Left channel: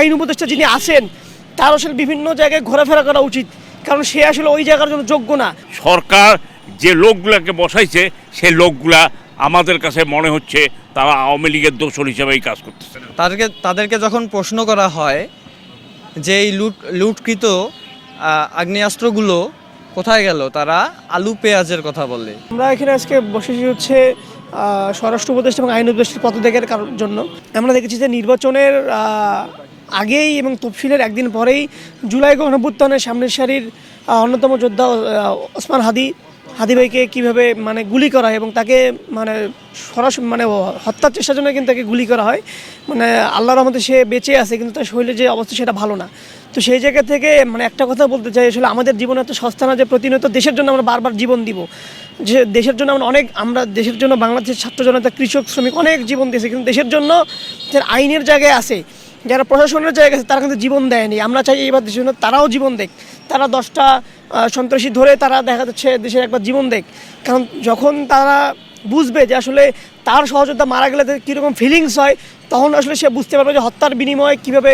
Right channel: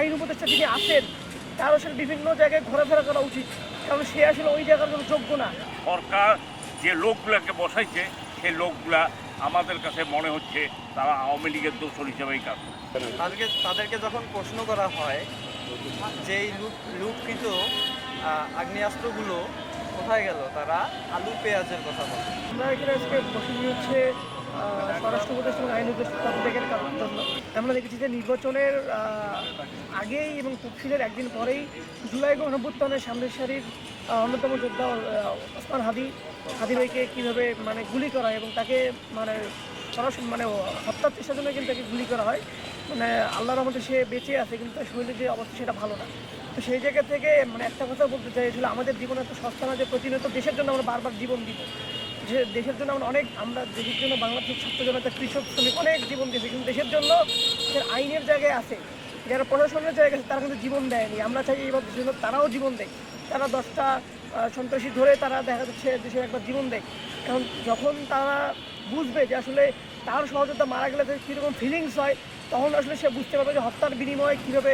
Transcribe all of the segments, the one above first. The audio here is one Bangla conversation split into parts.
আইন উপদেষ্টা যিনি আছেন তার আসলে বিভিন্ন জায়গায় ঘোরাফেরা করা উচিত, কারণ সে আসলে ওই জায়গার জন্য যোগ্য না। সরকার যে লোকগুলোকে বসাইছে সেই লোকগুলা আমাদের কাছে মনে হচ্ছে তারা আওয়ামী লীগের দোসর হিসেবেই কাজ করতেছে। তাদেরকে যখন প্রশ্ন করা হয় যে এই লুটকৃত আগ্নেয়াস্ত্রগুলো কোথায় গেল, তারা আলু পেঁয়াজের কথা বলে। আমরা এখানে আজকে বসেছি হচ্ছে স্বরাষ্ট্র উপদেষ্টা এবং আইন উপদেষ্টার পদত্যাগের জন্য। আমরা দেখেছি যে নির্বাচনের আগেই এবং তফসিলের একদিন পরেই জুলাই গণঅভ্যুত্থানের সামনের সারির অন্যতম যোদ্ধা ওসমান হাদি ভাইকে কীভাবে মানে গুলি করা হয় এবং তাকে মানে সরাসরি মানে হত্যার চেষ্টার জন্য কিন্তু তাকে গুলি করা হয়। মানে আল্লাহর রহমতে সে বেঁচে আছে, কিন্তু তার শরীরে যে অবস্থা সেটা ভালো না। তো সেই জায়গা থেকে মানে একটা কথা বলতে চাই, আসলে আমাদের জীবন এত সস্তা না যে প্রতিনিয়ত দেশের জন্য আমরা বারবার জীবন দিব। যে দেশের জন্য আমরা দেশের জন্য বাংলাদেশের ছাত্র জনতা, কৃষক, শ্রমিক অনেক জীবন দিয়েছে, কিন্তু দেশের জন্য যারা আইনের জায়গায় আছে, যারা প্রশাসনের জায়গায় আছে, তারা কিন্তু জীবন দেয়নি। আমরা চাই এইবার দেশের জন্য তারাও জীবন দেখ, তারা 10টা সন্ত্রাসী ধরে তারা দেখা যাচ্ছে দেশের একবার জীবন দেখ। কারণ যখন তারা বুঝবে যে আসলে তার সহযোদ্ধা মারা গেলে কীরকম ফিলিংস হয়, তখন আসলে সে বুঝতে পারবে যে হত্যার বিনিময়ে কীভাবে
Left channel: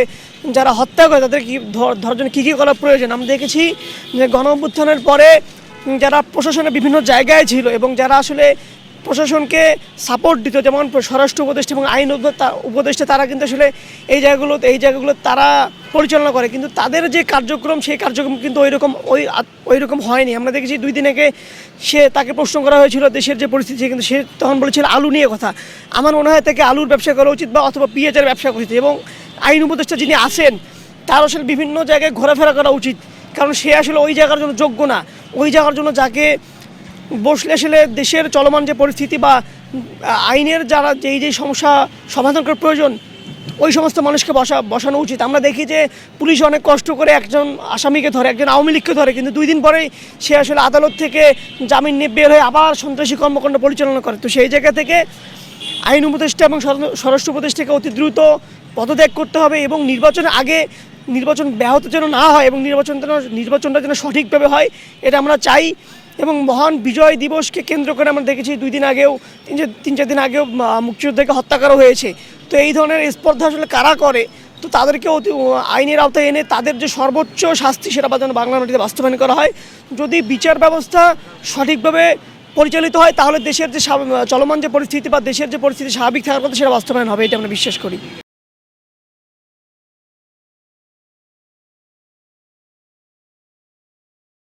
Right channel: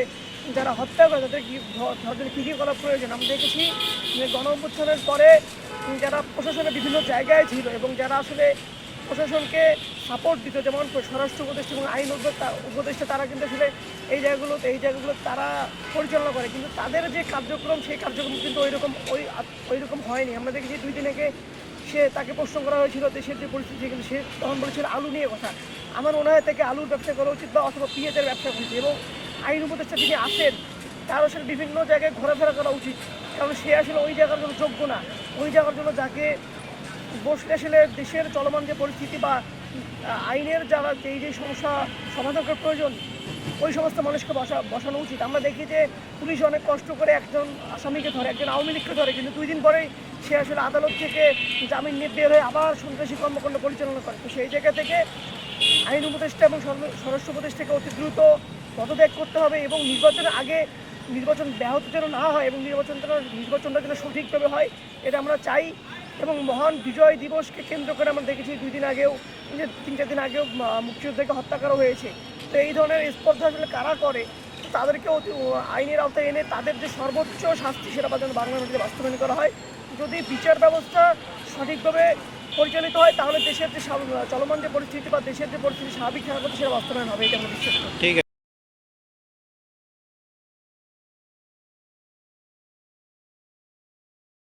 যারা হত্যা করে তাদের ধরার জন্য কী কী করা প্রয়োজন। আমরা দেখেছি যে গণঅভ্যুত্থানের পরে যারা প্রশাসনের বিভিন্ন জায়গায় ছিল এবং যারা আসলে প্রশাসনকে সাপোর্ট দিত, যেমন স্বরাষ্ট্র উপদেষ্টা এবং আইন উপদেষ্টা, তারা কিন্তু আসলে এই জায়গাগুলো তারা পরিচালনা করে, কিন্তু তাদের যে কার্যক্রম সেই কার্যক্রম কিন্তু ওই রকম হয়নি। আমরা দেখেছি 2 দিন আগে তাকে প্রশ্ন করা হয়েছিল দেশের যে পরিস্থিতি, কিন্তু সে তখন বলেছিল আলু নিয়ে কথা। আমার মনে হয় তাকে আলুর ব্যবসা করা উচিত বা অথবা পেঁয়াজের ব্যবসা করা উচিত। এবং আইন উপদেষ্টা যিনি আছেন তার আসলে বিভিন্ন জায়গায় ঘোরাফেরা করা উচিত, কারণ সে আসলে ওই জায়গার জন্য যোগ্য না। ওই জায়গার জন্য যাকে বসলে আসলে দেশের চলমান যে পরিস্থিতি বা আইনের যারা যেই সমস্যা সমাধান করার প্রয়োজন, ওই সমস্ত মানুষকে বসানো উচিত। আমরা দেখি যে পুলিশ অনেক কষ্ট করে একজন আসামিকে ধরে, একজন আওয়ামী লীগকে ধরে, কিন্তু 2 দিন পরেই সে আসলে আদালত থেকে জামিন নিয়ে বের হয়ে আবার সন্ত্রাসী কর্মকাণ্ড পরিচালনা করে। তো সেই জায়গা থেকে আইন উপদেষ্টা এবং স্বরাষ্ট্র উপদেষ্টাকে অতি দ্রুত পদত্যাগ করতে হবে এবং নির্বাচনের আগে নির্বাচন ব্যাহত যেন না হয় এবং নির্বাচনটা যেন সঠিকভাবে হয়, এটা আমরা চাই। এবং মহান বিজয় দিবসকে কেন্দ্র করে আমরা দেখেছি 2 দিন আগেও 3-4 দিন আগেও মুক্তিযোদ্ধাকে হত্যা করা হয়েছে। তো এই ধরনের স্পর্ধা আসলে কারা করে, তো তাদেরকে আইনের আওতায় এনে তাদের যে সর্বোচ্চ শাস্তি সেটা যেন বাংলা মাটিতে বাস্তবায়ন করা হয়। যদি বিচার ব্যবস্থা সঠিকভাবে পরিচালিত হয়, তাহলে দেশের যে চলমান যে পরিস্থিতি বা দেশের যে পরিস্থিতি স্বাভাবিক থাকার কথা সেটা বাস্তবায়ন হবে, এটা আমরা বিশ্বাস করি।